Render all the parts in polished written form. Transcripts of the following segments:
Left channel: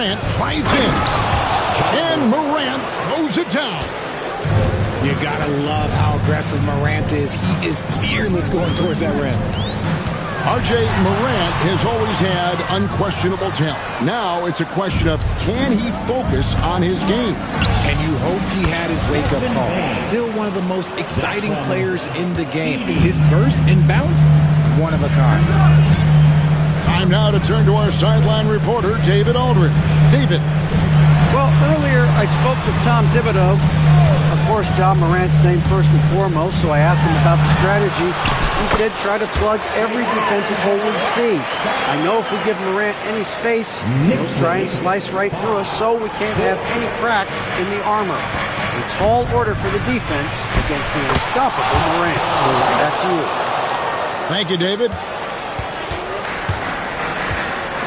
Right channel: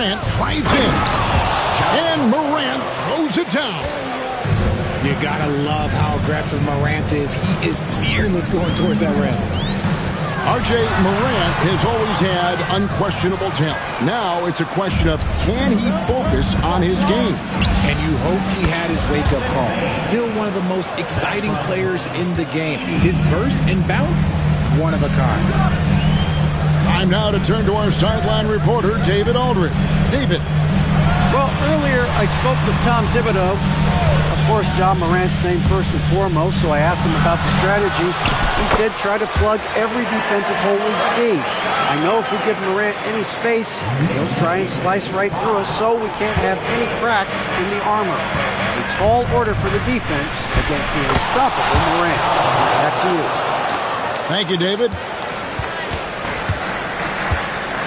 Morant drives in. And Morant throws it down. You gotta love how aggressive Morant is. He is fearless going towards that rim. R.J. Morant has always had unquestionable talent. Now it's a question of, can he focus on his game? And you hope he had his wake-up call. Still one of the most exciting players in the game. His burst and bounce, one of a kind. Time now to turn to our sideline reporter, David Aldridge. David. Well, earlier I spoke with Tom Thibodeau. Of course, John Morant's name first and foremost, so I asked him about the strategy. He said try to plug every defensive hole we see. I know if we give Morant any space, he'll try and slice right through us, so we can't have any cracks in the armor. A tall order for the defense against the unstoppable Morant. Back to you. Thank you, David.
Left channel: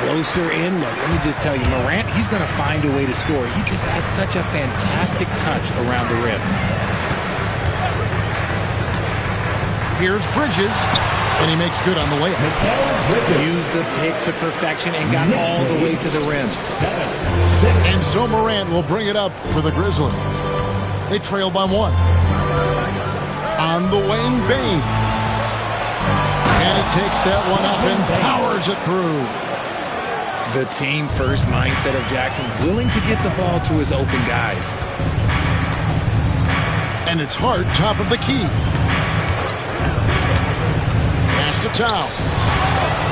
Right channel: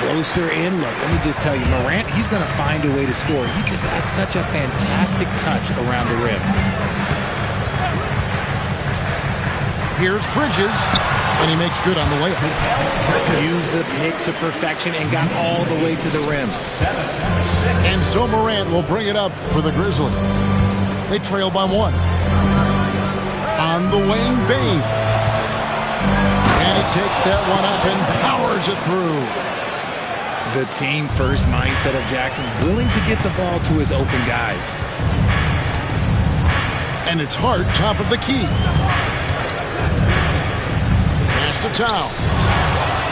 Closer in look. Let me just tell you, Morant, he's going to find a way to score. He just has such a fantastic touch around the rim. Here's Bridges, and he makes good on the layup. Used the pick to perfection and got all the way to the rim. And so Morant will bring it up for the Grizzlies. They trail by 1. On the wing, Bane. And he takes that one up and powers it through. The team-first mindset of Jackson, willing to get the ball to his open guys. And it's Hart, top of the key. Pass to Towns.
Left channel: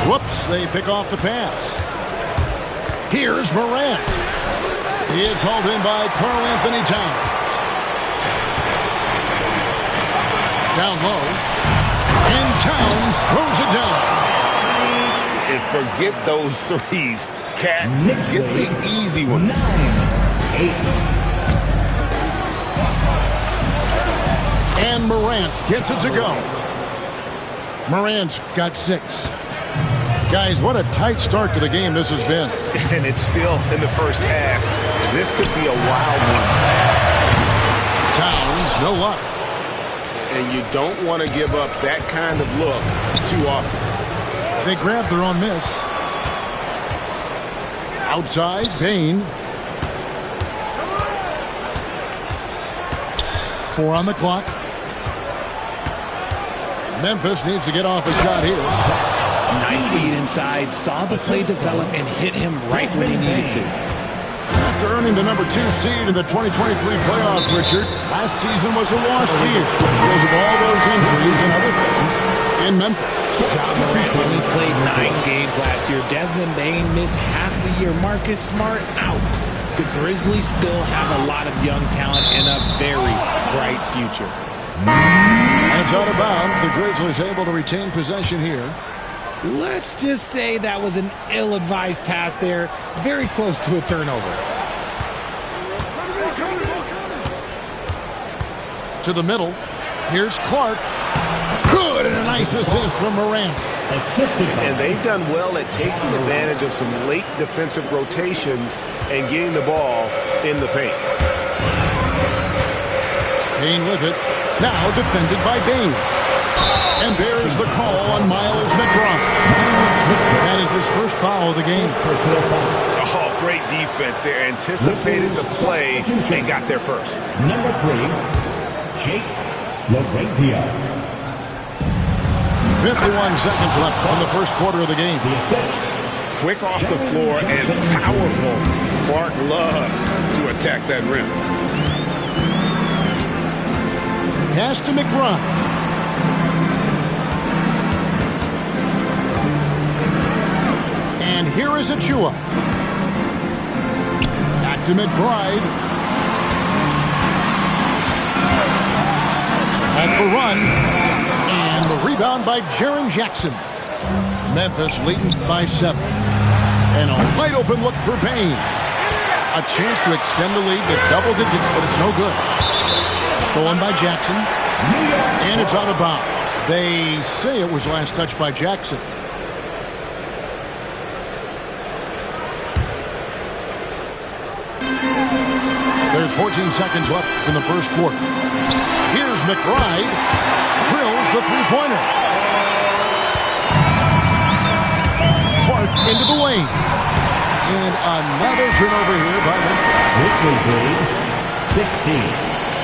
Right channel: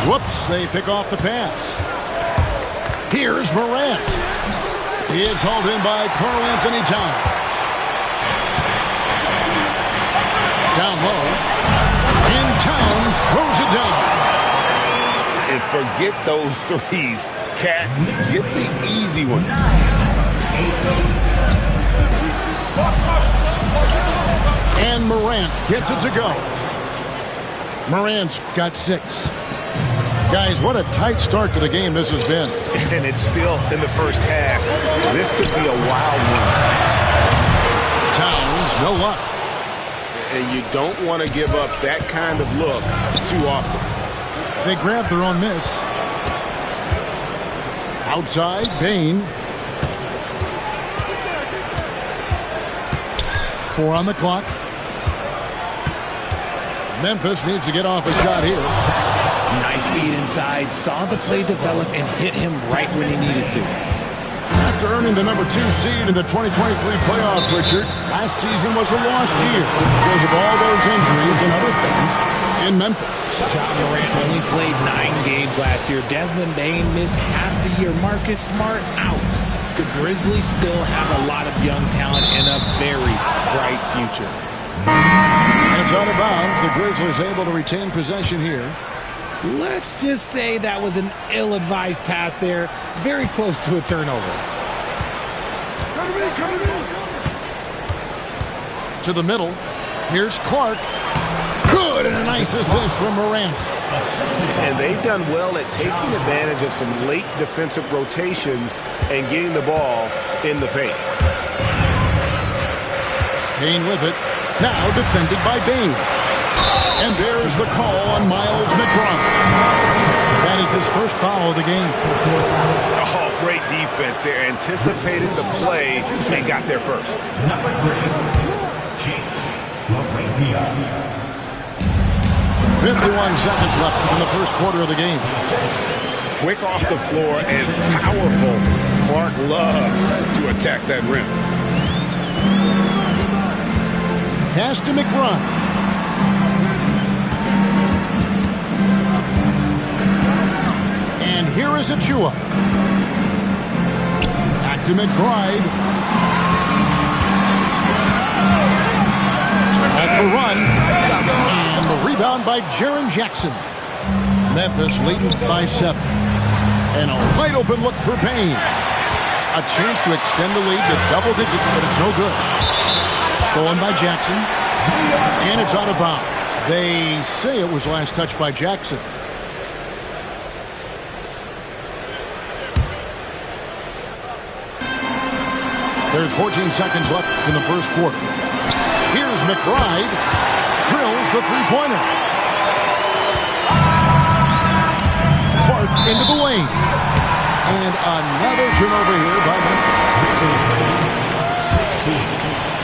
Whoops, they pick off the pass. Here's Morant. He is hauled in by Karl Anthony Towns. Down low. And Towns throws it down. And forget those threes. Cat, get the easy one. 9, 8. And Morant gets it to go. Morant's got 6. Guys, what a tight start to the game this has been. And it's still in the first half. This could be a wild one. Towns, no luck. And you don't want to give up that kind of look too often. They grab their own miss. Outside, Bane. 4 on the clock. Memphis needs to get off a shot here. Nice feed inside. Saw the play develop and hit him right when he needed to. After earning the number 2 seed in the 2023 playoffs, Richard, last season was a lost year because of all those injuries and other things in Memphis. John Morant only played 9 games last year. Desmond Bane missed half the year. Marcus Smart out. The Grizzlies still have a lot of young talent and a very bright future. And it's out of bounds. The Grizzlies able to retain possession here. Let's just say that was an ill-advised pass there. Very close to a turnover. To the middle. Here's Clark. Good, and a nice assist from Morant. And they've done well at taking advantage of some late defensive rotations and getting the ball in the paint. Bane with it. Now defended by Bane. And there's the call on Miles McBride. That is his first foul of the game. Oh, great defense. They anticipated the play and got there first. Number 3, Jake LaRavia. 51 seconds left in the first quarter of the game. Quick off the floor and powerful. Clark loves to attack that rim. Pass to McBride. And here is Achua. Back to McBride. To halt the run. And the rebound by Jaren Jackson. Memphis leading by 7. And a wide open look for Bane. A chance to extend the lead to double digits, but it's no good. Stolen by Jackson. And it's out of bounds. They say it was last touched by Jackson. There's 14 seconds left in the first quarter. Here's McBride. Drills the three-pointer. Clark into the lane. And another turnover here by Memphis. Grizzlies lead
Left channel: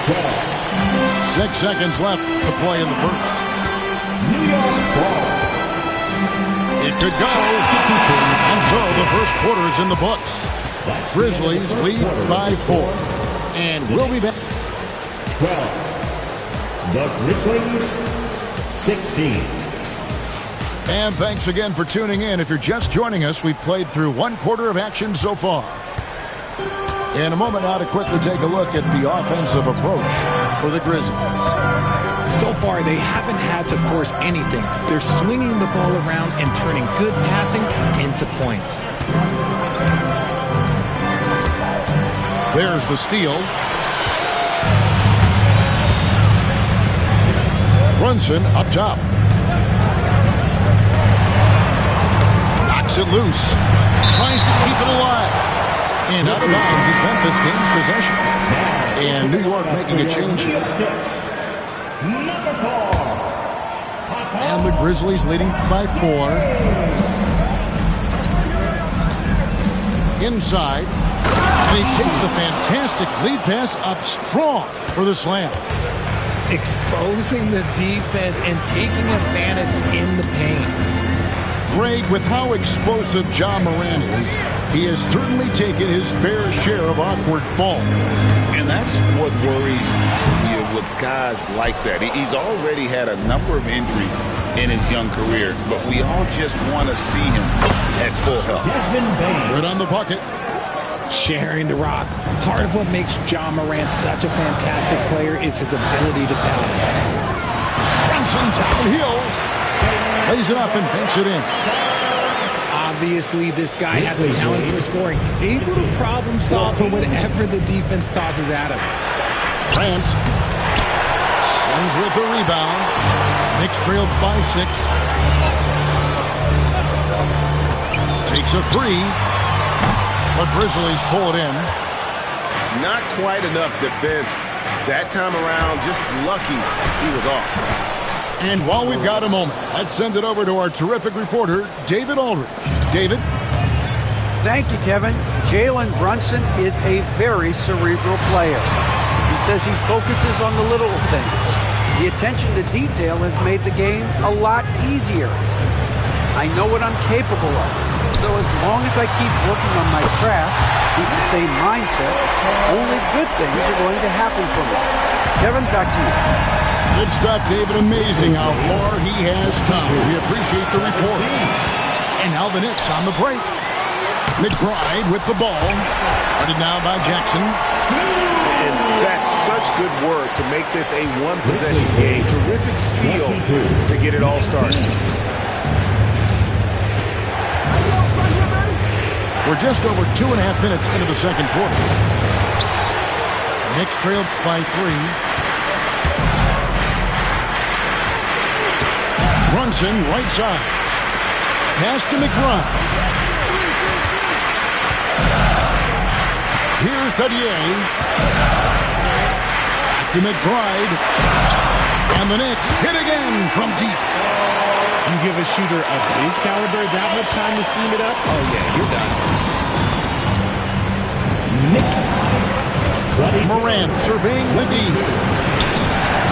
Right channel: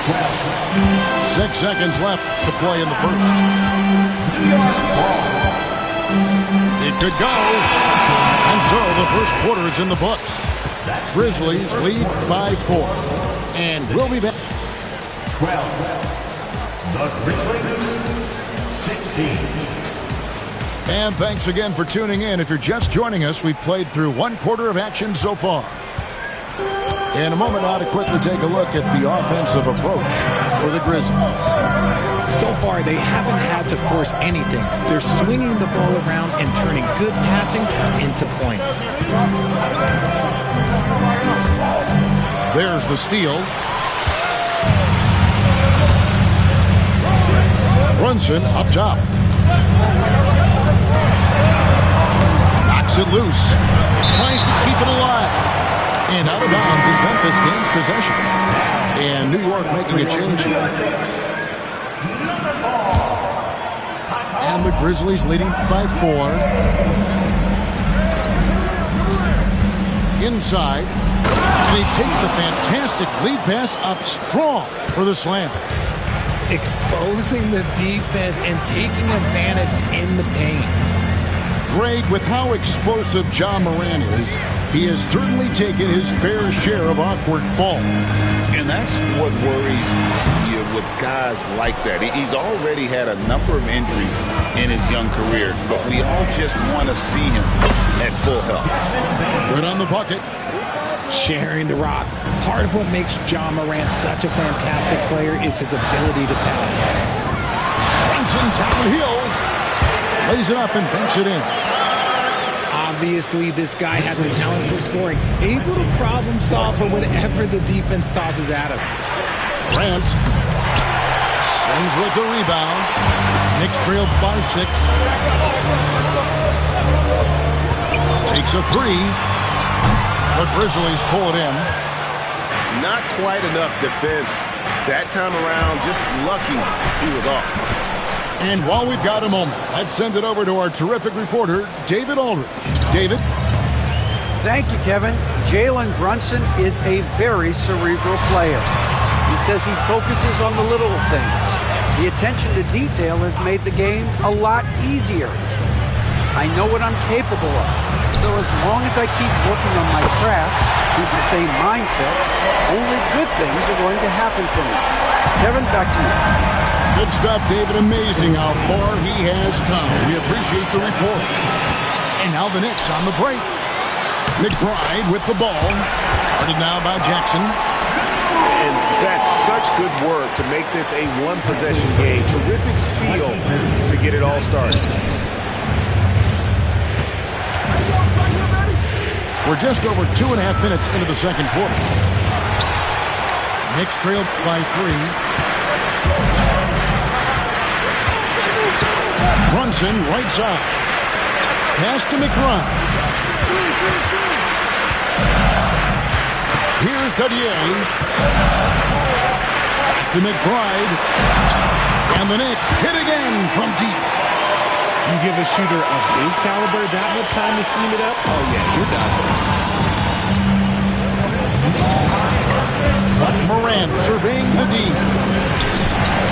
16-12. 6 seconds left to play in the first. New York ball. It could go. And so the first quarter is in the books. Grizzlies lead by 4. And we'll be back. 12. The Grizzlies 16. And thanks again for tuning in. If you're just joining us, we've played through one quarter of action so far. In a moment now to quickly take a look at the offensive approach for the Grizzlies. So far, they haven't had to force anything. They're swinging the ball around and turning good passing into points. There's the steal. Brunson up top. Knocks it loose. Tries to keep it alive. And out of bounds as Memphis gains possession. And New York making a change here. And the Grizzlies leading by 4. Inside. And he takes the fantastic lead pass up strong for the slam. Exposing the defense and taking advantage in the paint. Greg, with how explosive Ja Morant is, he has certainly taken his fair share of awkward falls. And that's what worries you with guys like that. He's already had a number of injuries in his young career, but we all just want to see him at full health. Good on the bucket. Sharing the rock. Part of what makes Ja Morant such a fantastic player is his ability to pass. Brunson downhill. Lays it up and banks it in. Obviously, this guy has a talent for scoring. Able to problem solve for whatever the defense tosses at him. Grant sends with the rebound. Knicks trailed by 6. Takes a 3. The Grizzlies pull it in. Not quite enough defense. That time around, just lucky he was off. And while we've got a moment, let's send it over to our terrific reporter, David Aldridge. David? Thank you, Kevin. Jalen Brunson is a very cerebral player. He says he focuses on the little things. The attention to detail has made the game a lot easier. I know what I'm capable of. So as long as I keep working on my craft, keep the same mindset, only good things are going to happen for me. Kevin, back to you. Good stuff, David. Amazing how far he has come. We appreciate the report. And now the Knicks on the break. McBride with the ball. Guarded now by Jackson. And that's such good work to make this a one-possession game. Terrific steal to get it all started. We're just over 2.5 minutes into the second quarter. Knicks trailed by 3. Brunson, right side. Pass to McBride. Here's Tobietown504. Back to McBride. And the Knicks hit again from deep. You give a shooter of his caliber that much time to seam it up? Oh, yeah, you're done. Morant surveying the D.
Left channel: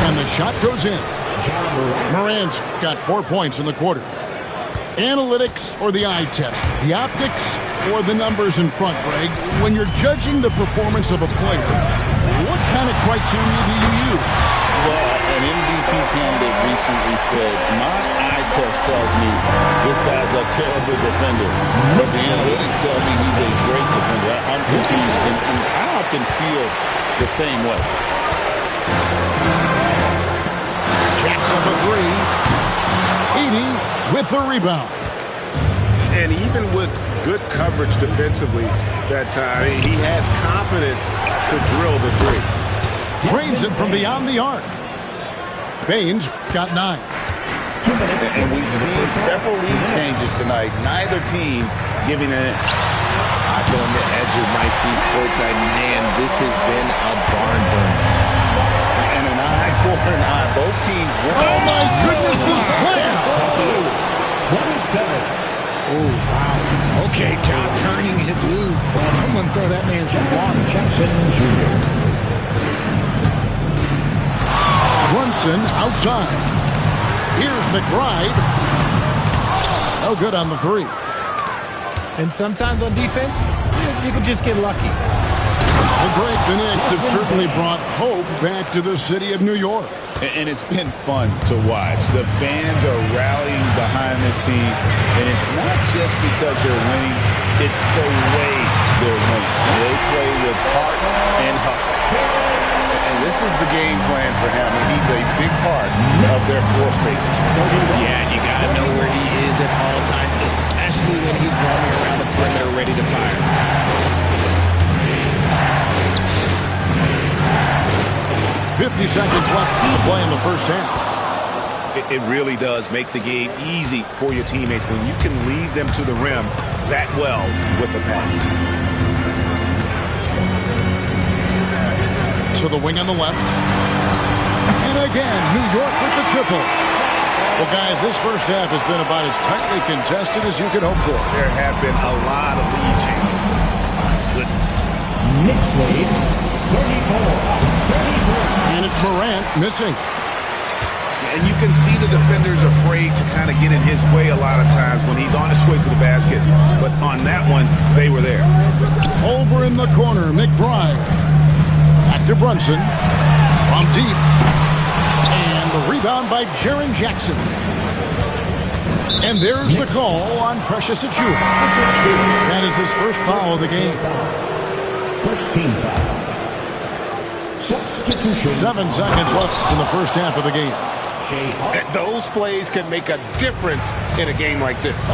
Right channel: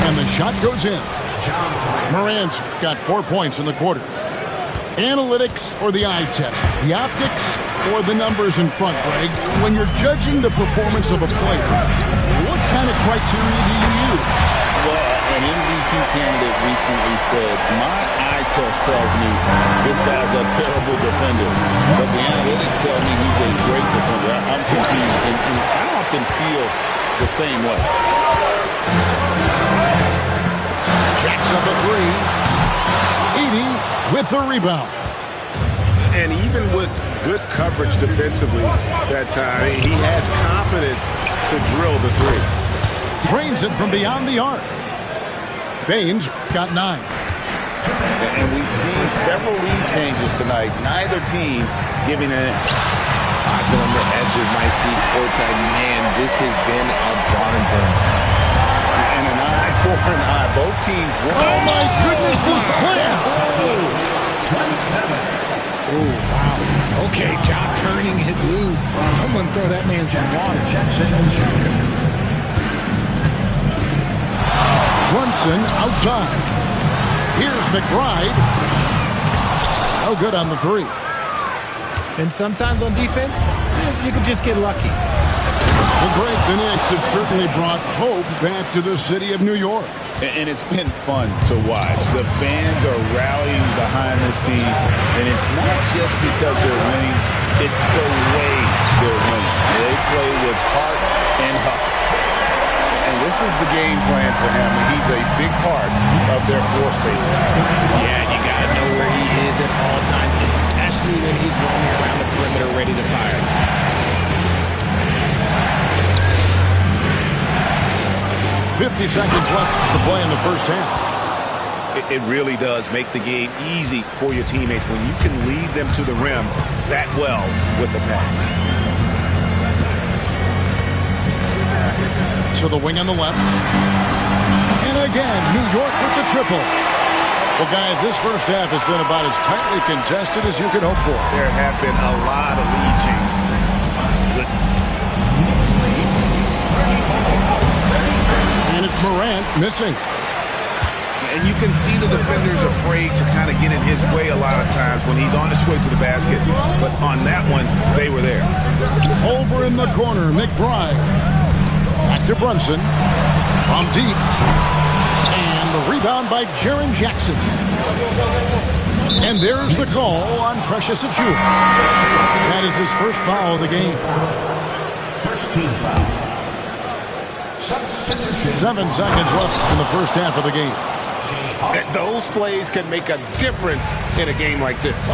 And the shot goes in. Morant's got 4 points in the quarter. Analytics or the eye test? The optics or the numbers in front, Greg? When you're judging the performance of a player, what kind of criteria do you use? Well, an MVP candidate recently said, my eye test tells me this guy's a terrible defender, but the analytics tell me he's a great defender. I'm confused, and I often feel the same way. Jacks up a 3. 80 with the rebound. And even with good coverage defensively that time, he has confidence to drill the 3. Drains it from beyond the arc. Baines got 9. And we've seen several lead changes tonight. Neither team giving an inch. I've been on the edge of my seat courtside. Man, this has been a barn burner. And an eye for an eye. Both teams won. Oh, my goodness, the slam! 27. Oh, wow. Okay, job turning it loose. Someone throw that man some water. Jackson Jr. Brunson outside. Here's McBride. No good on the three. And sometimes on defense, you can just get lucky. Well, Greg, the Knicks have certainly brought hope back to the city of New York. And it's been fun to watch. The fans are rallying behind this team, and it's not just because they're winning, it's the way they're winning. They play with heart and hustle. And this is the game plan for him. He's a big part of their floor spacing. Yeah, you got to know where he is at all times, especially when he's roaming around the perimeter ready to fire. 50 seconds left to play in the first half. It really does make the game easy for your teammates when you can lead them to the rim that well with a pass. To the wing on the left. And again, New York with the triple. Well, guys, this first half has been about as tightly contested as you could hope for. There have been a lot of lead changes. My goodness. Knicks lead 34-33. And it's Morant missing. And you can see the defenders afraid to kind of get in his way a lot of times when he's on his way to the basket. But on that one, they were there. Over in the corner, McBride. Back to Brunson. From deep. And the rebound by Jaren Jackson. And there's the call on Precious Achiuwa. That is his first foul of the game. First team foul. Substitution. 7 seconds left in the first half of the game. Those plays can make a difference in a game like this.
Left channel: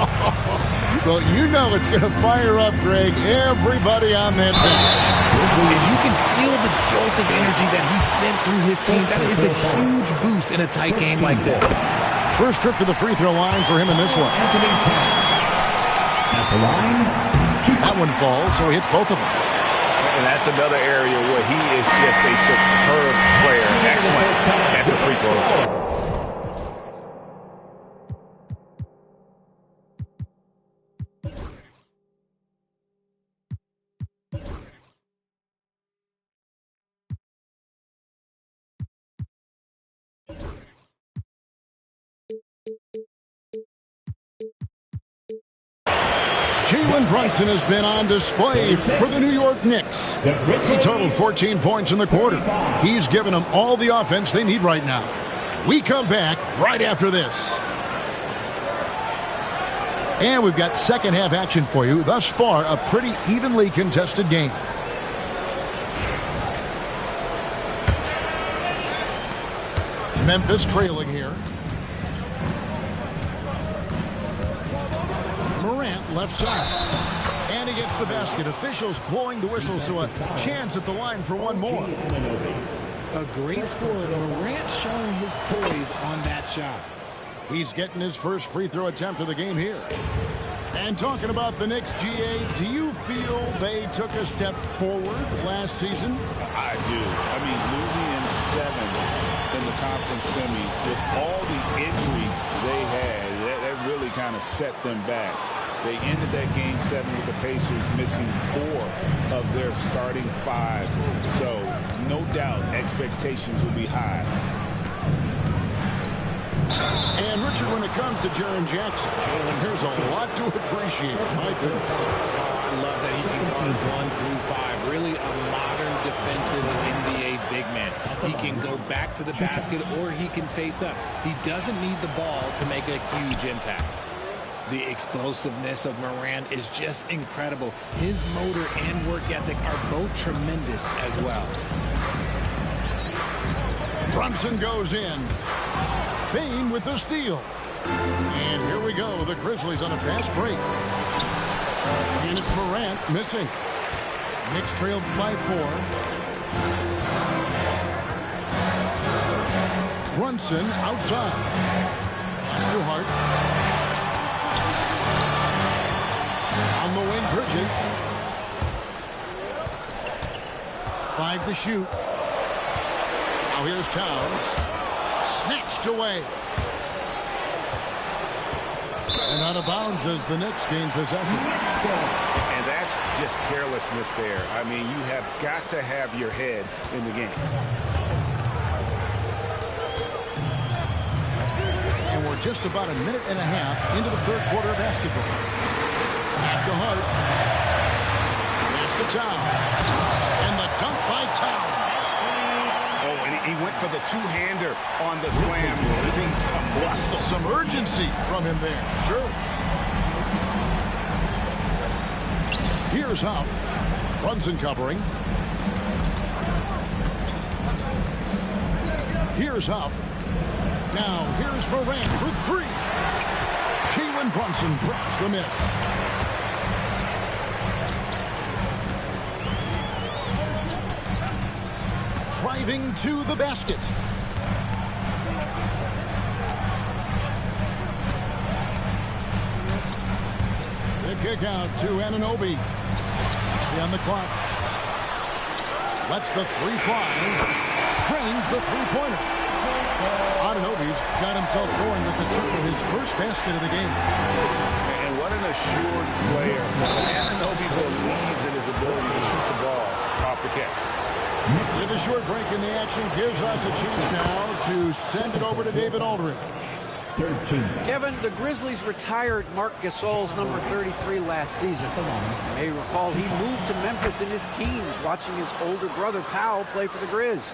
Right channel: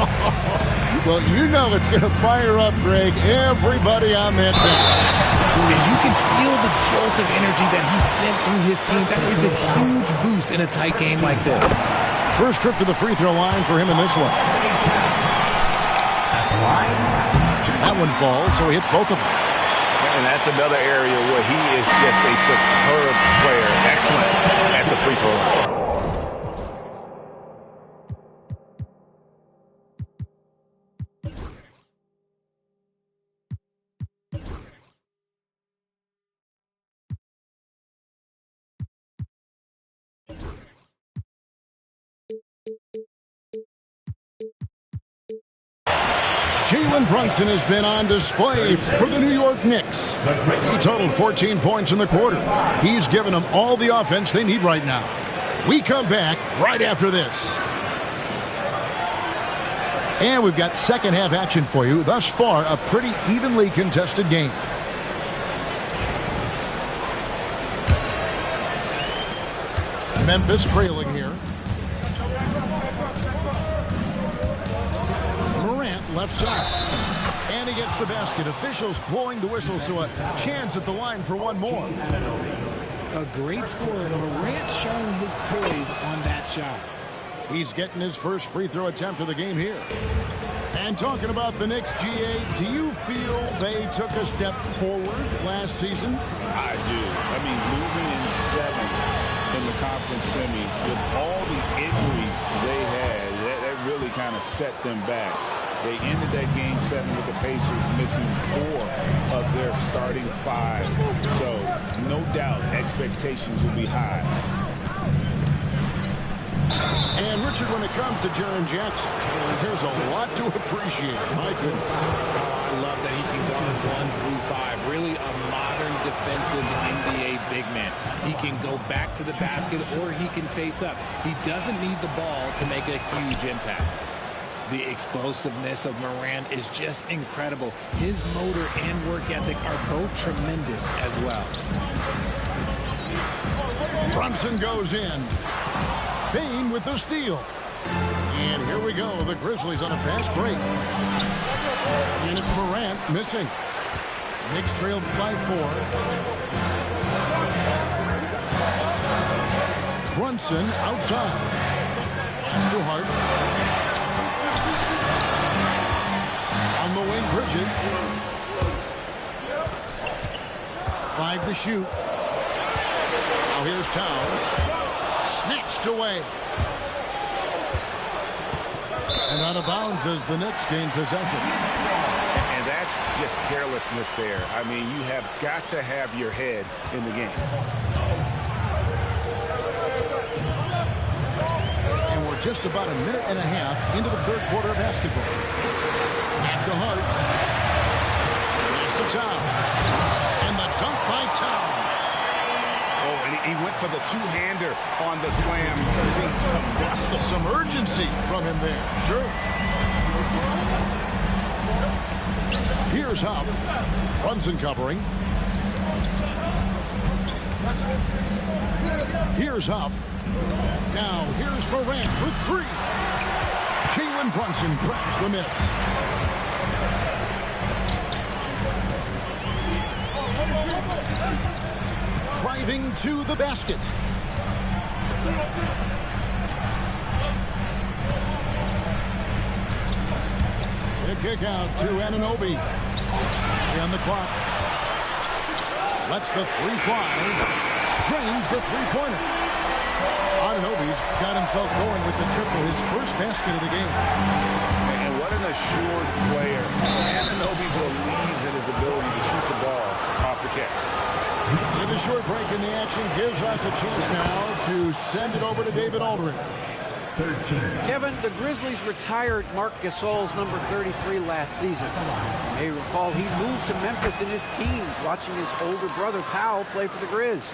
Well, you know it's going to fire up, Greg, everybody on that bench. If you can feel the jolt of energy that he sent through his team, that is a huge boost in a tight game like this. First trip to the free throw line for him in this one. At the line. That one falls, so he hits both of them. And that's another area where he is just a superb player. Excellent at the free throw line. Jalen Brunson has been on display for the New York Knicks. He totaled 14 points in the quarter. He's given them all the offense they need right now. We come back right after this. And we've got second half action for you. Thus far, a pretty evenly contested game. Memphis trailing here. Morant left side. And he gets the basket. Officials blowing the whistle, so a chance at the line for one more. A great scorer. Morant showing his poise on that shot. He's getting his first free throw attempt of the game here. And talking about the Knicks, GA, do you feel they took a step forward last season? I do. I mean, losing in 7 in the conference semis with all the injuries they had, that really kind of set them back. They ended that game 7 with the Pacers missing 4 of their starting 5. So, no doubt, expectations will be high. And, Richard, when it comes to Jaren Jackson, there's a lot to appreciate. My goodness. Oh, I love that he can guard 1 through 5. Really a modern defensive NBA big man. He can go back to the basket or he can face up. He doesn't need the ball to make a huge impact. The explosiveness of Morant is just incredible. His motor and work ethic are both tremendous as well. Brunson goes in. Payne with the steal. And here we go. The Grizzlies on a fast break. And it's Morant missing. Knicks trailed by 4. Brunson outside. Pass to Hart. On the wing, Bridges. 5 to shoot. Now here's Towns. Snatched away. And out of bounds as the Knicks gain possession. And that's just carelessness there. I mean, you have got to have your head in the game. And we're just about a minute and a half into the third quarter of basketball. Back to Hart. Pass to Towns. And the dunk by Towns. Oh, and he went for the two-hander on the slam, using some muscle. Some urgency from him there, sure. Here's Huff. Brunson covering. Here's Huff. Now here's Morant for three. Jalen Brunson grabs the miss. Driving to the basket. The kick out to Anunoby. On the clock. Lets the three fly. Drains the three-pointer. Anunoby's got himself going with the triple, his first basket of the game. And what an assured player. Anunoby believes in his ability to shoot the ball off the catch. With a short break in the action, gives us a chance now to send it over to David Aldridge. 13. Kevin, the Grizzlies retired Marc Gasol's number 33 last season. You may recall he moved to Memphis in his teens, watching his older brother Powell play for the Grizz.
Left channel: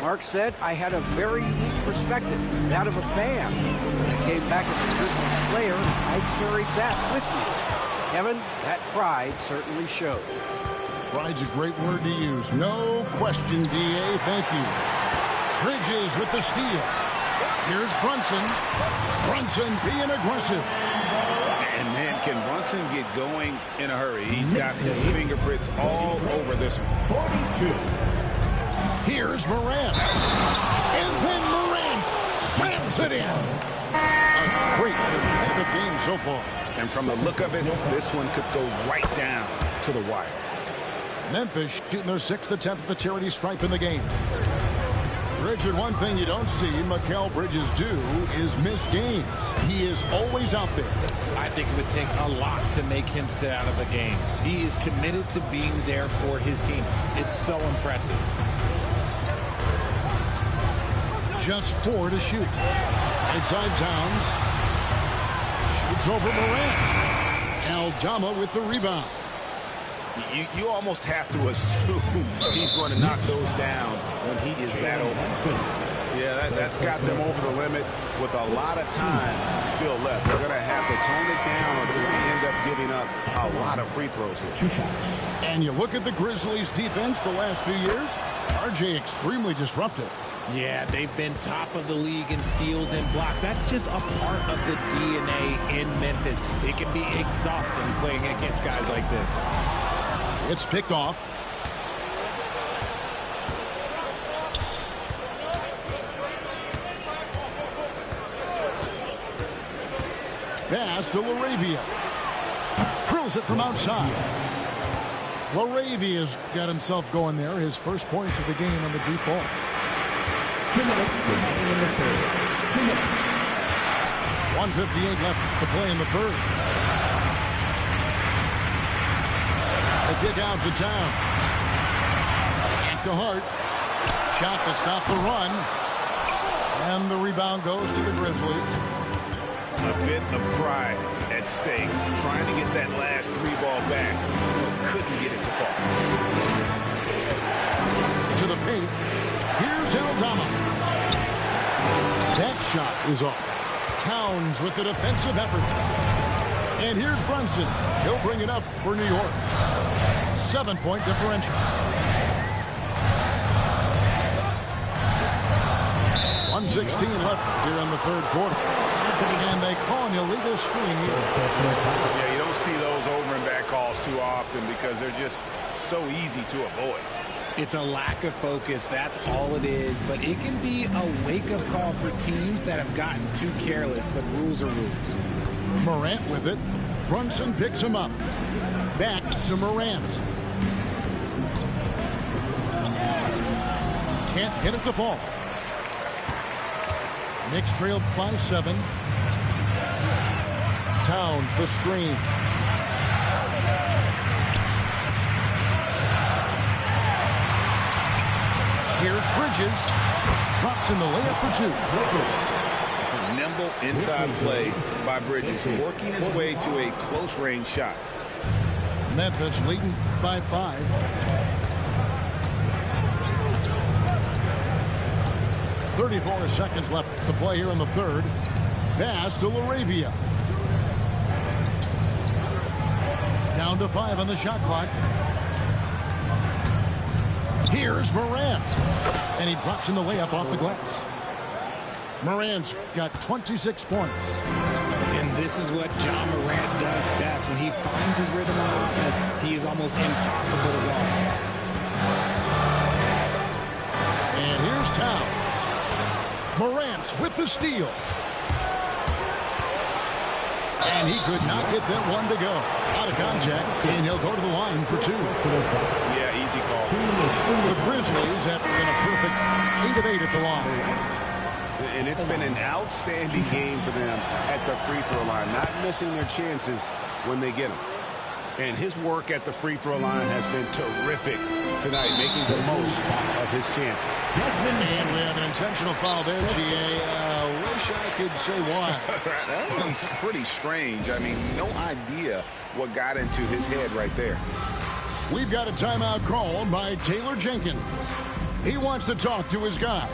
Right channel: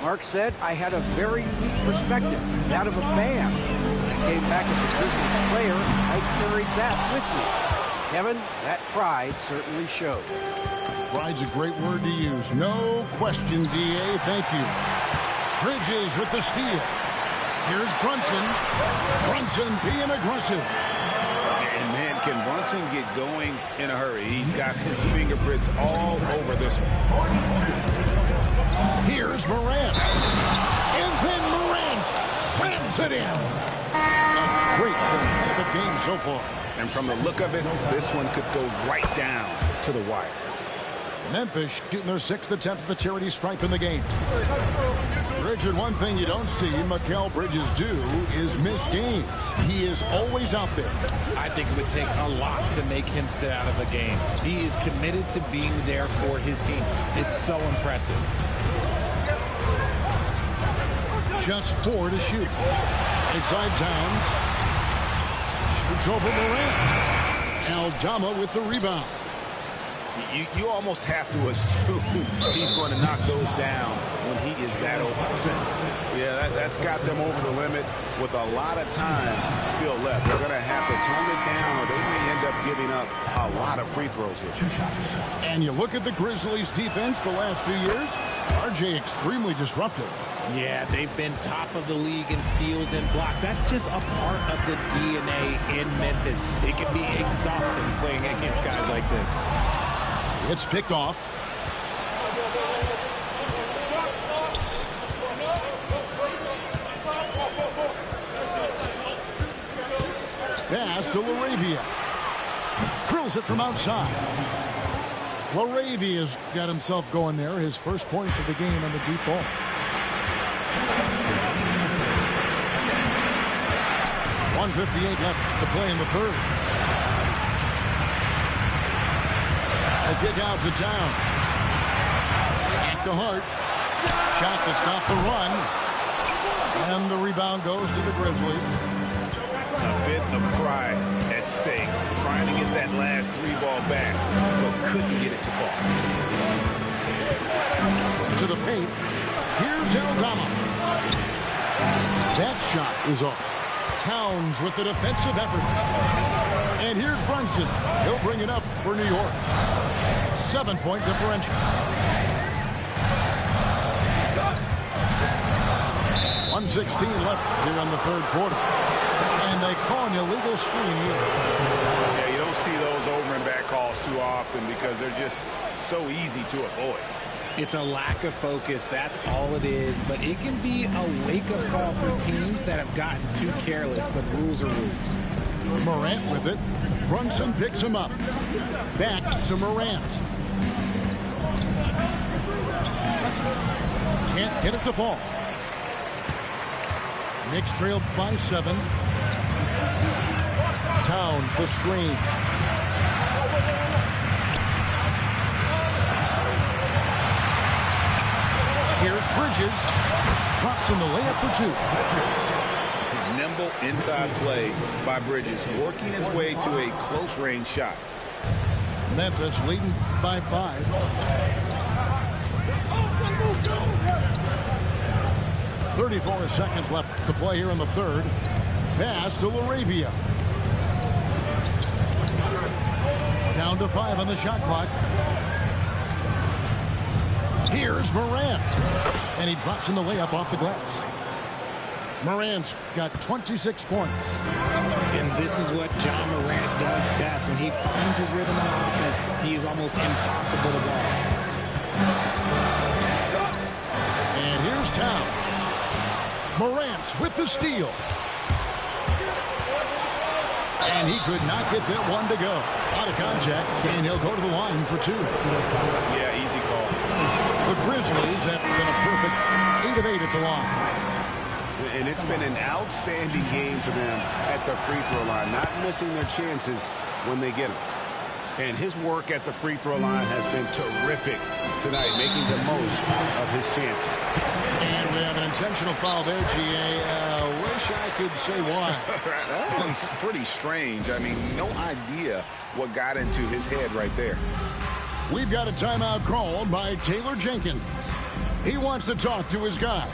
Mark said, I had a very unique perspective, that of a fan. When I came back as a Grizzlies player, I carried that with me. Kevin, that pride certainly showed. Pride's a great word to use. No question, D.A. Thank you. Bridges with the steal. Here's Brunson. Brunson being aggressive. And man, can Brunson get going in a hurry? He's got his fingerprints all over this one. 42. Here's Morant. And then Morant slams it in. A great competitive game so far. And from the look of it, this one could go right down to the wire. Memphis shooting their sixth attempt at the charity stripe in the game. Richard, one thing you don't see Mikal Bridges do is miss games. He is always out there. I think it would take a lot to make him sit out of a game. He is committed to being there for his team. It's so impressive. Just 4 to shoot. Inside Towns. Shoots over Morant. Aldama with the rebound. You almost have to assume he's going to knock those down when he is that open. Yeah, that's got them over the limit with a lot of time still left. They're going to have to tone it down or they may end up giving up a lot of free throws here. 2 shots. And you look at the Grizzlies' defense the last few years, RJ extremely disruptive. Yeah, they've been top of the league in steals and blocks. That's just a part of the DNA in Memphis. It can be exhausting playing against guys like this. It's picked off. Pass to LaRavia. Drills it from outside. LaRavia's got himself going there. His first points of the game on the deep ball. 2 minutes remaining in the third. 2 minutes. 1:58 left to play in the third. A kick out to Towns. Back to Hart. Shot to stop the run. And the rebound goes to the Grizzlies. A bit of pride at stake, trying to get that last 3-ball back, but couldn't get it to fall. To the paint. Here's Aldama. That shot is off. Towns with the defensive effort. And here's Brunson. He'll bring it up for New York. 7-point differential. 1:16 left here in the third quarter. And they call an illegal screen here. Yeah, you don't see those over and back calls too often because they're just so easy to avoid. It's a lack of focus. That's all it is. But it can be a wake-up call for teams that have gotten too careless. But rules are rules. Morant with it. Brunson picks him up. Back to Morant. Can't get it to fall. Knicks trail by 7. Towns the screen. Here's Bridges. Drops in the layup for two. Nimble inside play by Bridges, working his way to a close-range shot. Memphis leading by 5. .34 seconds left to play here in the third. Pass to Laravia. Down to 5 on the shot clock. Here's Morant. And he drops in the layup off the glass. Morant's got 26 points. And this is what John Morant does best. When he finds his rhythm on offense, he is almost impossible to guard. And here's Towns. Morant with the steal. And he could not get that one to go. Out of contact, and he'll go to the line for 2. Yeah, easy call. The Grizzlies have been a perfect 8 of 8 at the line. And it's been an outstanding game for them at the free throw line, not missing their chances when they get them. And his work at the free throw line has been terrific tonight, making the most of his chances. And we have an intentional foul there, G.A. Wish I could say why. That one's pretty strange. I mean, no idea what got into his head right there. We've got a timeout called by Taylor Jenkins. He wants to talk to his guys.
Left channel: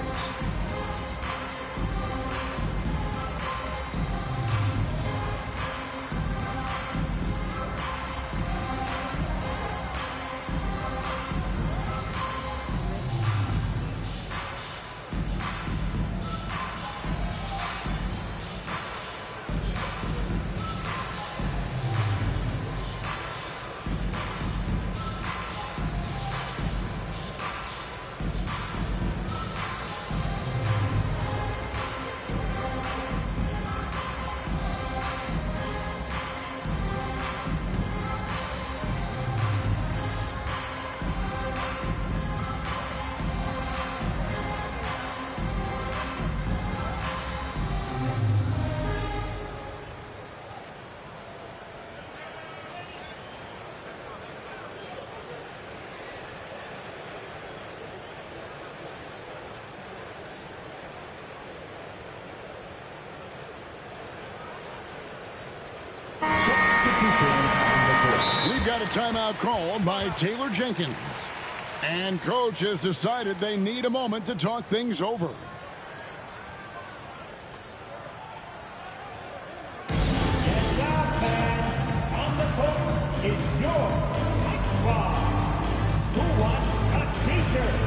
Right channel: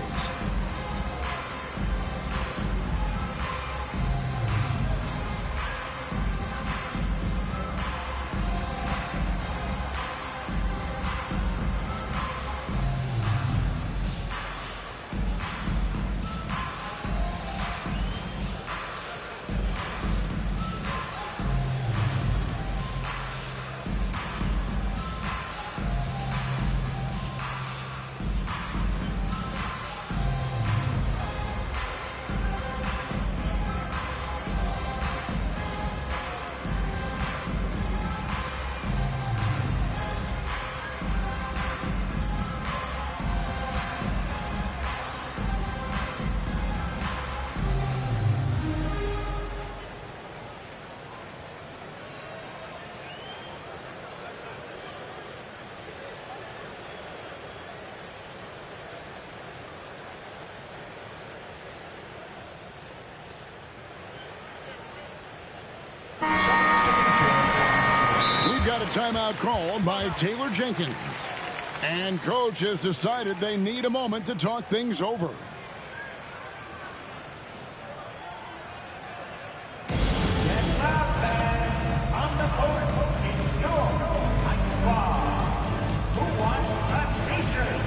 We've got a timeout called by Taylor Jenkins. And coach has decided they need a moment to talk things over. And now, fans, on the court is your Mike Bob. Who wants a t-shirt?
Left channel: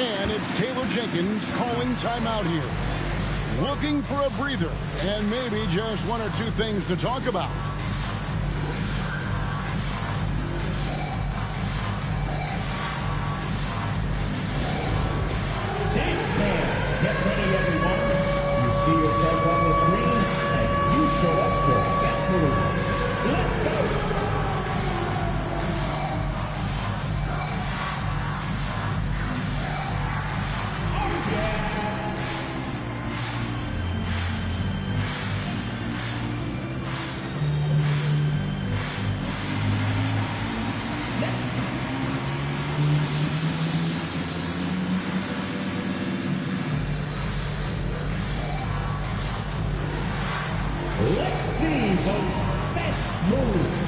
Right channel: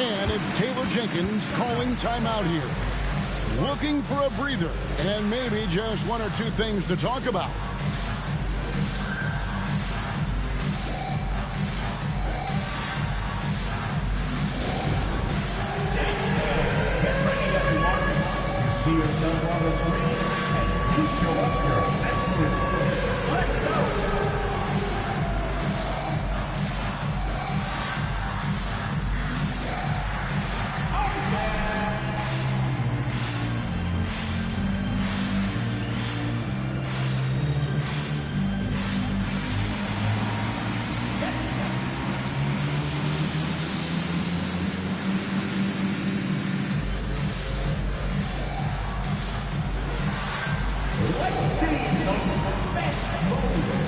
And it's Taylor Jenkins calling timeout here. Looking for a breather and maybe just one or two things to talk about. Get ready, everyone. You see yourself on the screen, and you show us your best move. Let's go. Let's see those best moves.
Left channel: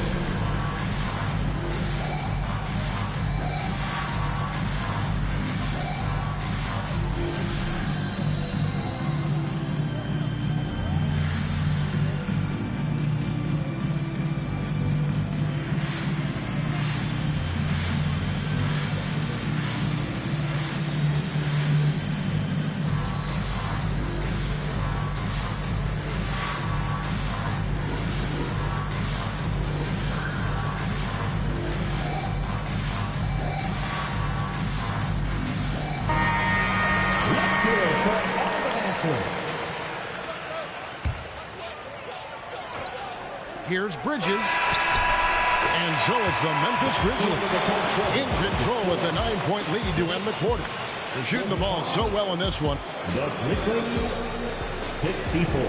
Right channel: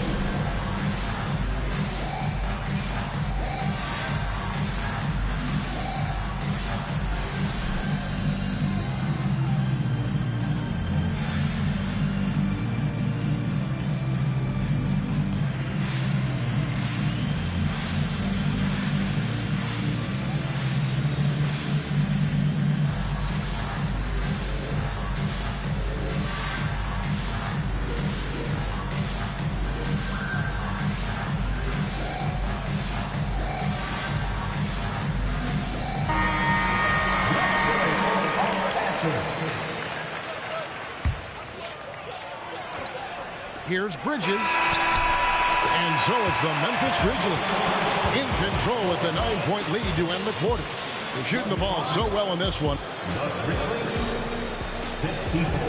Here's Bridges. And so it's the Memphis Grizzlies in control with the 9-point lead to end the quarter. They're shooting the ball so well in this one. The Grizzlies, 54.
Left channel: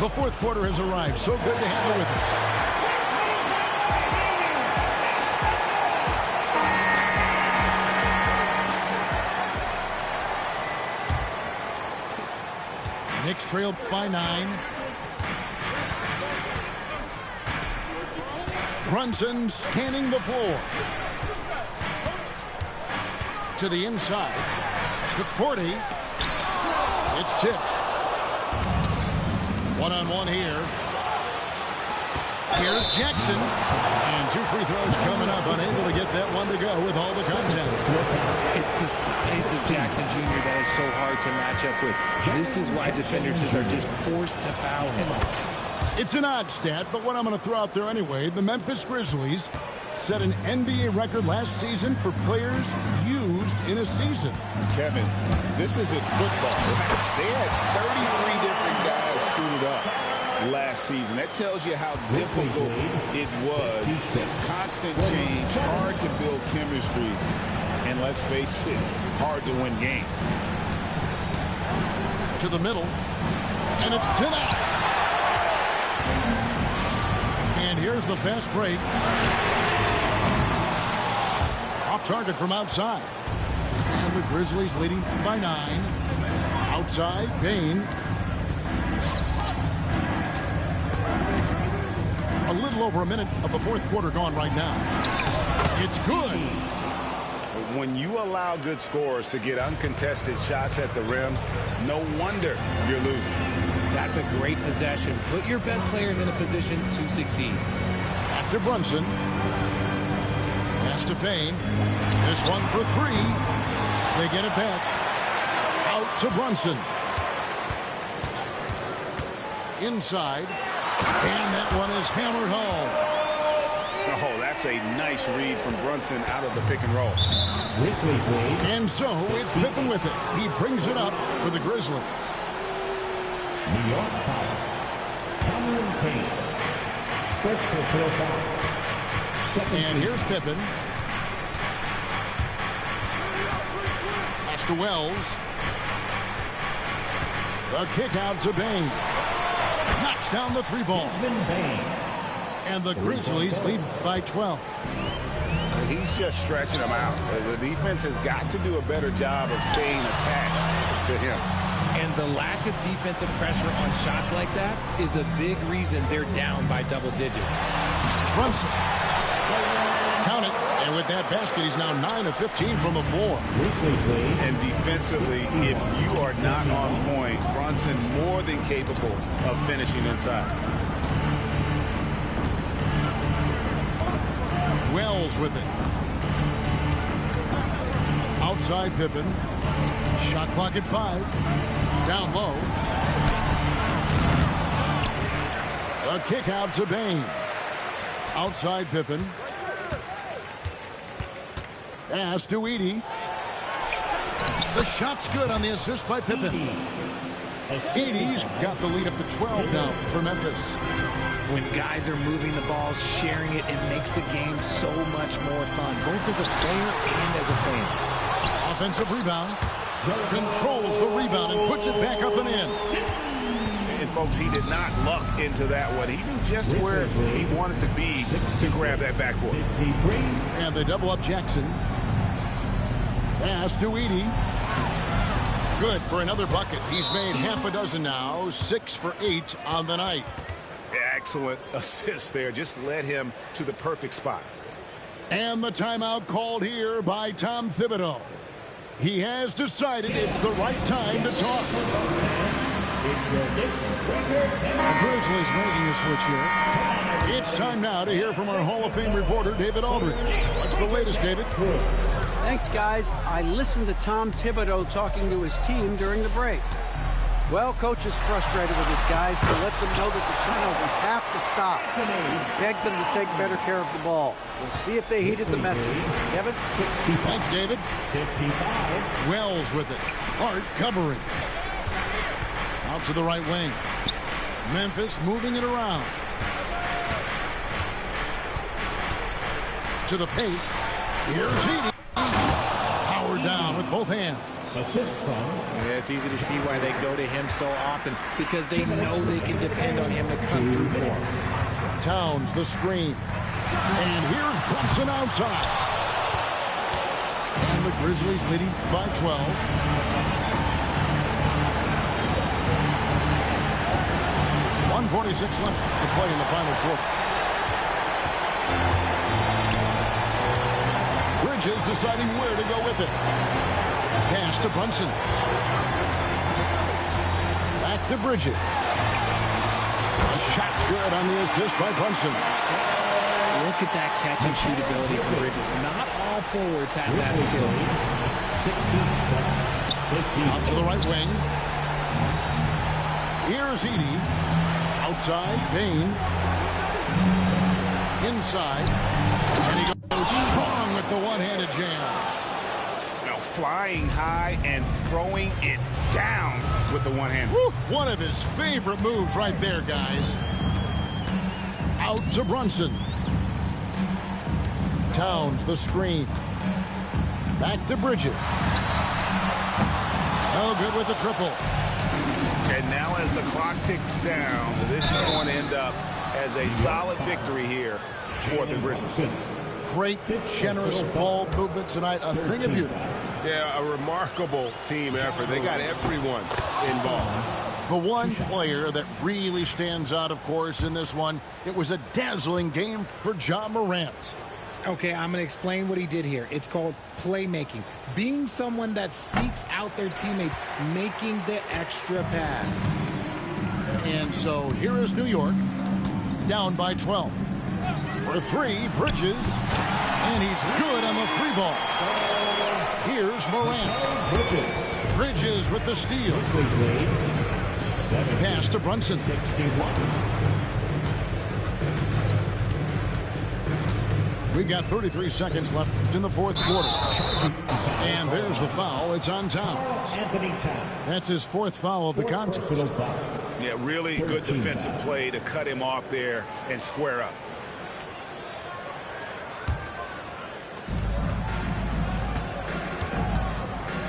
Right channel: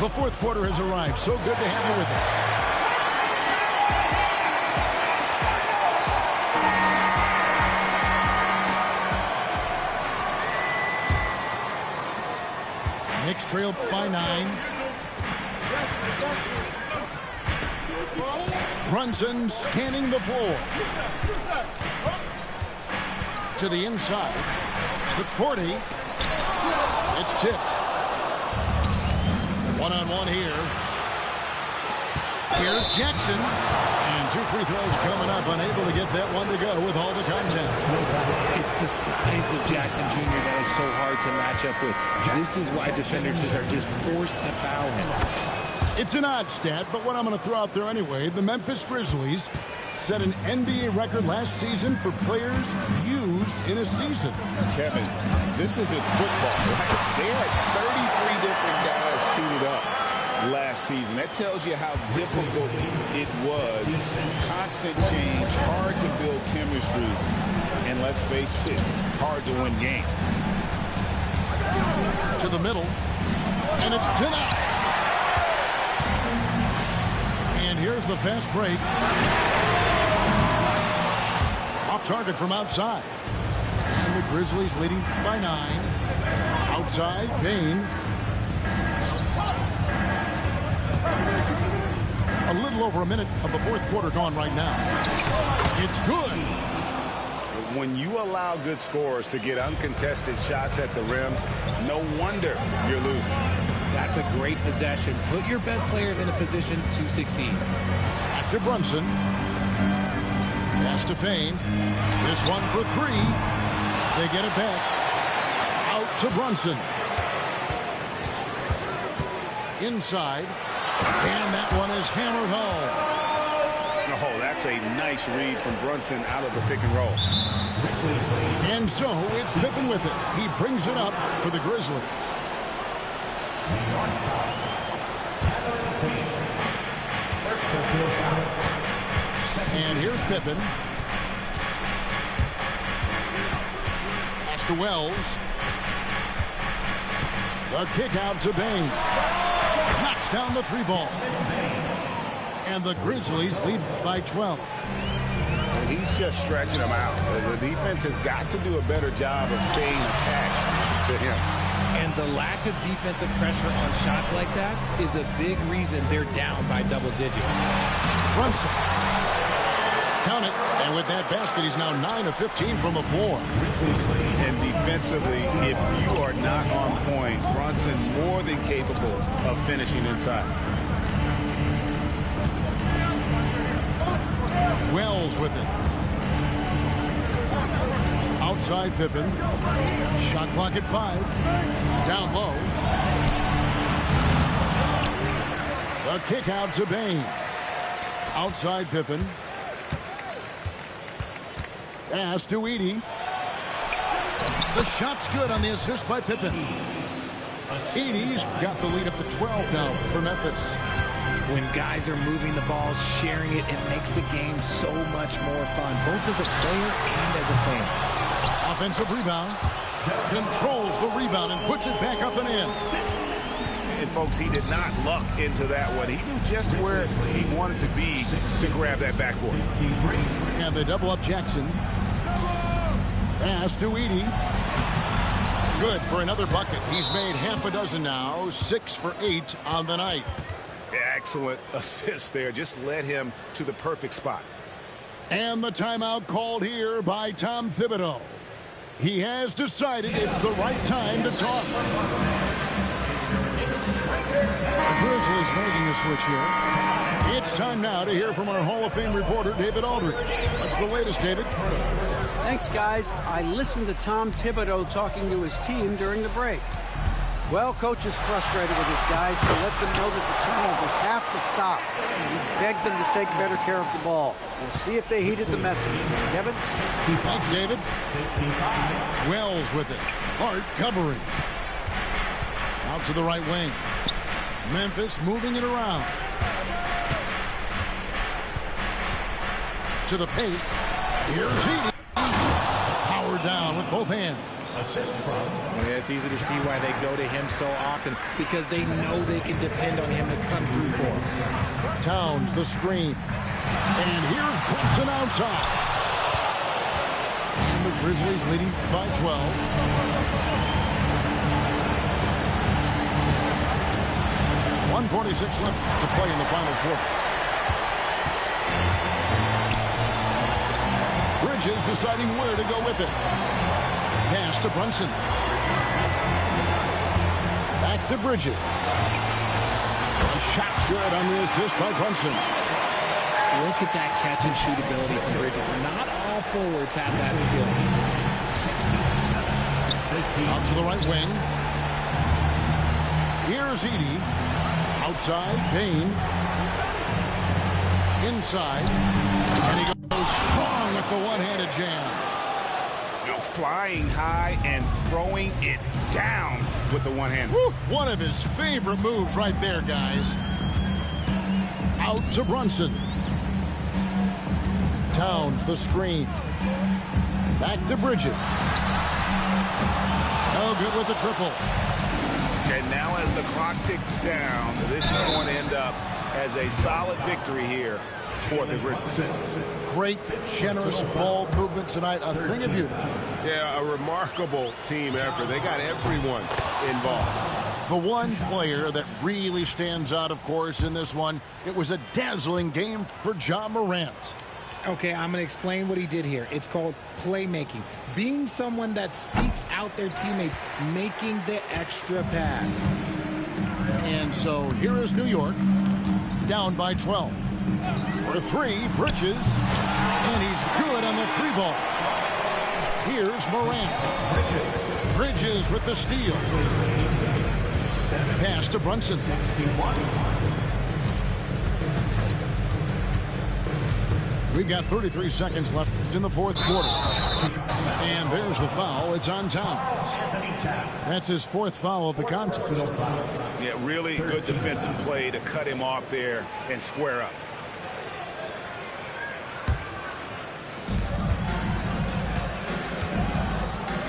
The fourth quarter has arrived. So good to have you with us. Knicks trail by 9. Brunson scanning the floor. To the inside. McCourty. It's tipped. One-on-one here. Here's Jackson. And 2 free throws coming up. Unable to get that one to go with all the contact. It's the size of Jackson Jr. that is so hard to match up with. This is why defenders are just forced to foul him. It's an odd stat, but what I'm going to throw out there anyway, the Memphis Grizzlies set an NBA record last season for players used in a season. Kevin, this isn't football. Right? They had 33 different guys suited up last season. That tells you how difficult it was. Constant change, hard to build chemistry, and let's face it, hard to win games. To the middle, and it's denied. And here's the fast break. Off target from outside. And the Grizzlies leading by 9. Outside, Bain. A little over a minute of the fourth quarter gone right now. It's good. When you allow good scorers to get uncontested shots at the rim, no wonder you're losing. That's a great possession. Put your best players in a position to succeed. Back to Brunson. Pass to Payne. This one for 3. They get it back. Out to Brunson. Inside. And that one is hammered home. Oh, that's a nice read from Brunson out of the pick and roll. And so it's Pippen with it. He brings it up for the Grizzlies. New York foul. Cameron Payne. First personal foul. And here's Pippen. Pass to Wells. The kick out to Bain. Knocks down the 3 ball. And the Grizzlies lead by 12. He's just stretching them out. The defense has got to do a better job of staying attached to him. And the lack of defensive pressure on shots like that is a big reason they're down by double digits. Brunson. Count it. And with that basket, he's now 9 of 15 from the floor. And defensively, if you are not on point, Brunson more than capable of finishing inside. Wells with it. Outside Pippen. Shot clock at 5. Down low. The kick out to Bain. Outside Pippen. Pass to Edey. The shot's good on the assist by Pippen. Edey's got the lead up to 12 now for Memphis. When guys are moving the ball, sharing it, it makes the game so much more fun, both as a player and as a fan. Offensive rebound. Controls the rebound and puts it back up and in. And, folks, he did not luck into that one. He knew just where he wanted to be to grab that backboard. And they double up Jackson. Pass to Edey. Good for another bucket. He's made half a dozen now, 6 for 8 on the night. Excellent assist there. Just led him to the perfect spot. And the timeout called here by Tom Thibodeau. He has decided it's the right time to talk. The Grizzlies making a switch here. It's time now to hear from our Hall of Fame reporter, David Aldridge. What's the latest, David? Thanks, guys. I listened to Tom Thibodeau talking to his team during the break. Well, coach is frustrated with his guys. He let them know that the turnovers have to stop. He begged them to take better care of the ball. We'll see if they heeded the message. Kevin? Thanks, David. 55. Wells with it. Hart covering. Out to the right wing. Memphis moving it around. To the paint. Here's Edie. Powered down with both hands. Assist from. Yeah, it's easy to see why they go to him so often, because they know they can depend on him to come through for them. Towns the screen. And here's Brunson outside. And the Grizzlies leading by 12. .146 left to play in the final quarter. Bridges deciding where to go with it. Pass to Brunson. Back to Bridges. The shot's good on the assist by Brunson. Look at that catch and shoot ability from Bridges. Not all forwards have that skill. 67. Out to the right wing. Here's Edie. Outside, Bain. Inside. And he goes strong with the one-handed jam. Flying high and throwing it down with the one hand. One of his favorite moves right there, guys. Out to Brunson. Towns the screen. Back to Bridges. No good with the triple. And now as the clock ticks down, this is going to end up as a solid victory here for the Grizzlies. Great, generous ball movement tonight. A thing of beauty. Yeah, a remarkable team effort. They got everyone involved. The one player that really stands out, of course, in this one, it was a dazzling game for Ja Morant. Okay, I'm going to explain what he did here. It's called playmaking. Being someone that seeks out their teammates, making the extra pass. And so here is New York, down by 12. For three, Bridges, and he's good on the three ball. Here's Morant. Bridges with the steal. Pass to Brunson. We've got 33 seconds left in the fourth quarter. And there's the foul. It's on Towns. That's his fourth foul of the contest. Yeah, really good defensive play to cut him off there and square up.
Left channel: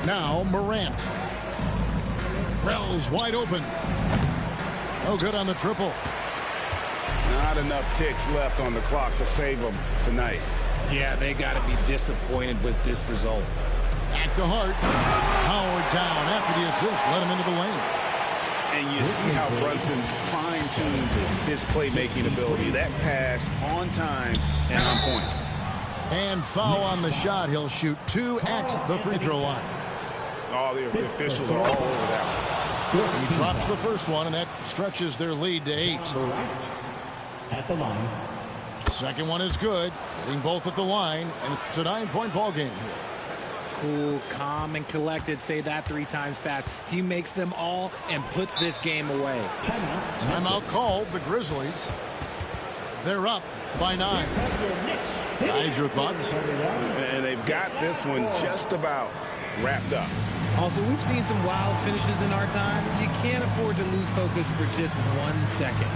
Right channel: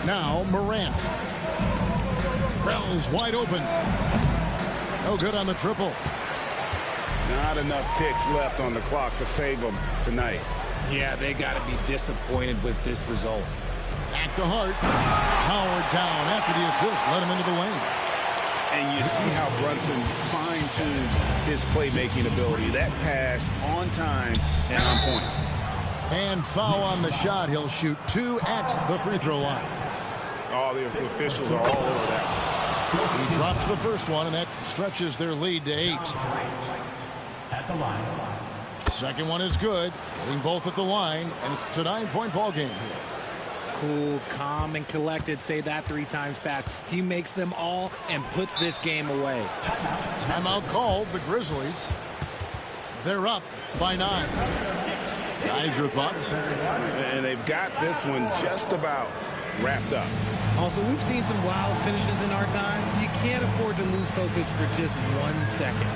Now Morant. Wells wide open. No good on the triple. Not enough ticks left on the clock to save them tonight. Yeah, they got to be disappointed with this result. Back to Hart. Howard down after the assist. Let him into the lane. And you see how Brunson's fine-tuned his playmaking ability. That pass on time and on point. And foul on the shot. He'll shoot 2 at the free throw line. Oh, the officials are all over that one. He drops the first one, and that stretches their lead to 8. At the line. Second one is good. Getting both at the line, and it's a 9-point ball game here. Cool, calm, and collected. Say that 3 times fast. He makes them all and puts this game away. Timeout called. The Grizzlies. They're up by 9. Guys, your thoughts? And they've got this one just about wrapped up. Also, we've seen some wild finishes in our time. You can't afford to lose focus for just 1 second.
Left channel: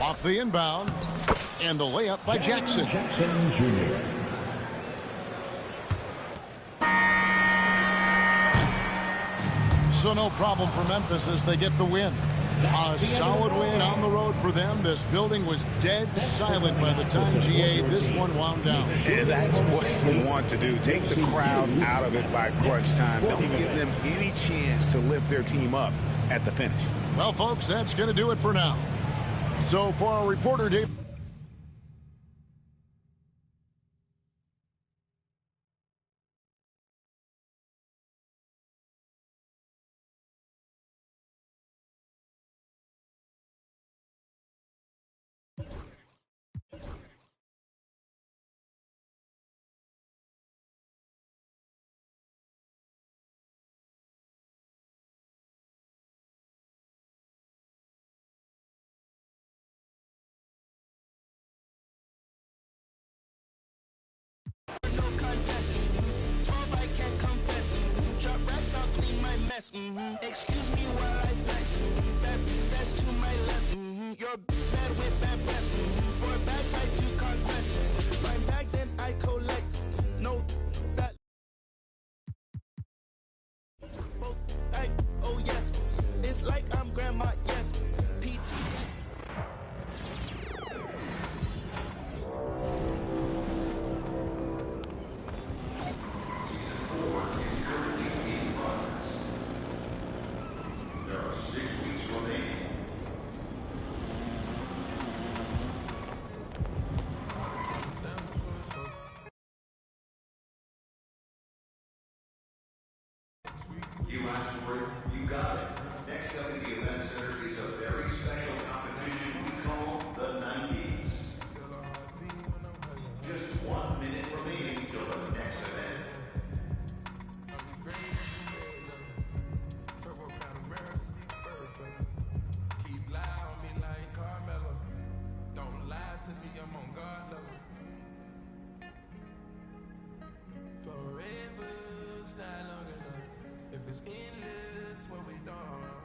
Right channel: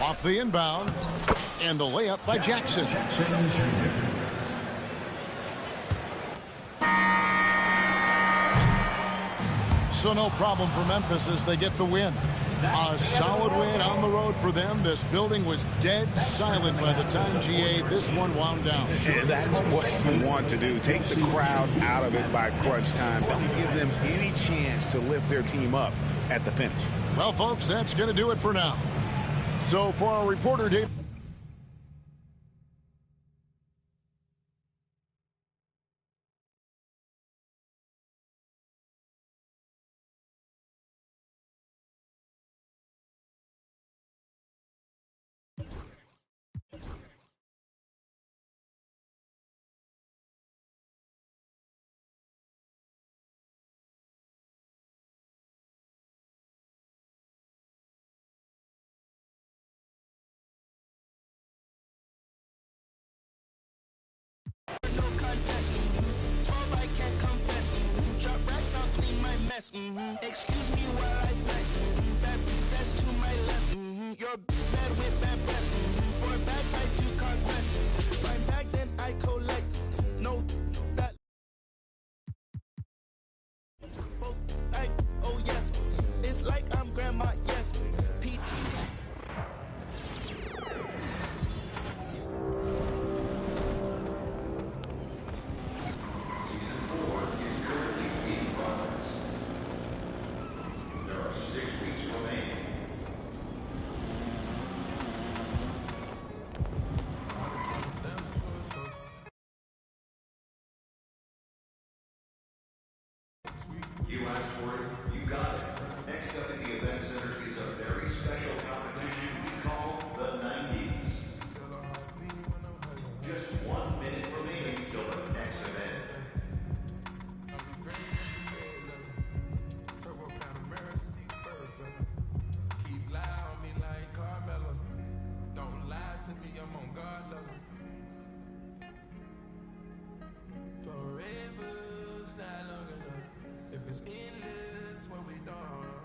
Off the inbound. And the layup by Jackson. So no problem for Memphis as they get the win. A solid win on the road for them. This building was dead silent by the time, GA, this one wound down. And that's what you want to do. Take the crowd out of it by crunch time. Don't give them any chance to lift their team up at the finish. Well, folks, that's going to do it for now. So for our reporter, Dave. No contest. 12, I can't confess. Drop racks, I'll clean my mess. Excuse me while I flex. That's to my left. You're bad with bad breath. For bags, I do conquest. Find bag, then I collect. No, that. Oh yes. It's like I'm grandma, yes. PT. You asked for it, you got it. Next up in the event center is a very special competition we call the 90s. Just 1 minute remaining till the next event. Keep lie on me like Carmelo. Don't lie to me, I'm on God level. Forever's not long enough. If it's endless, what we done.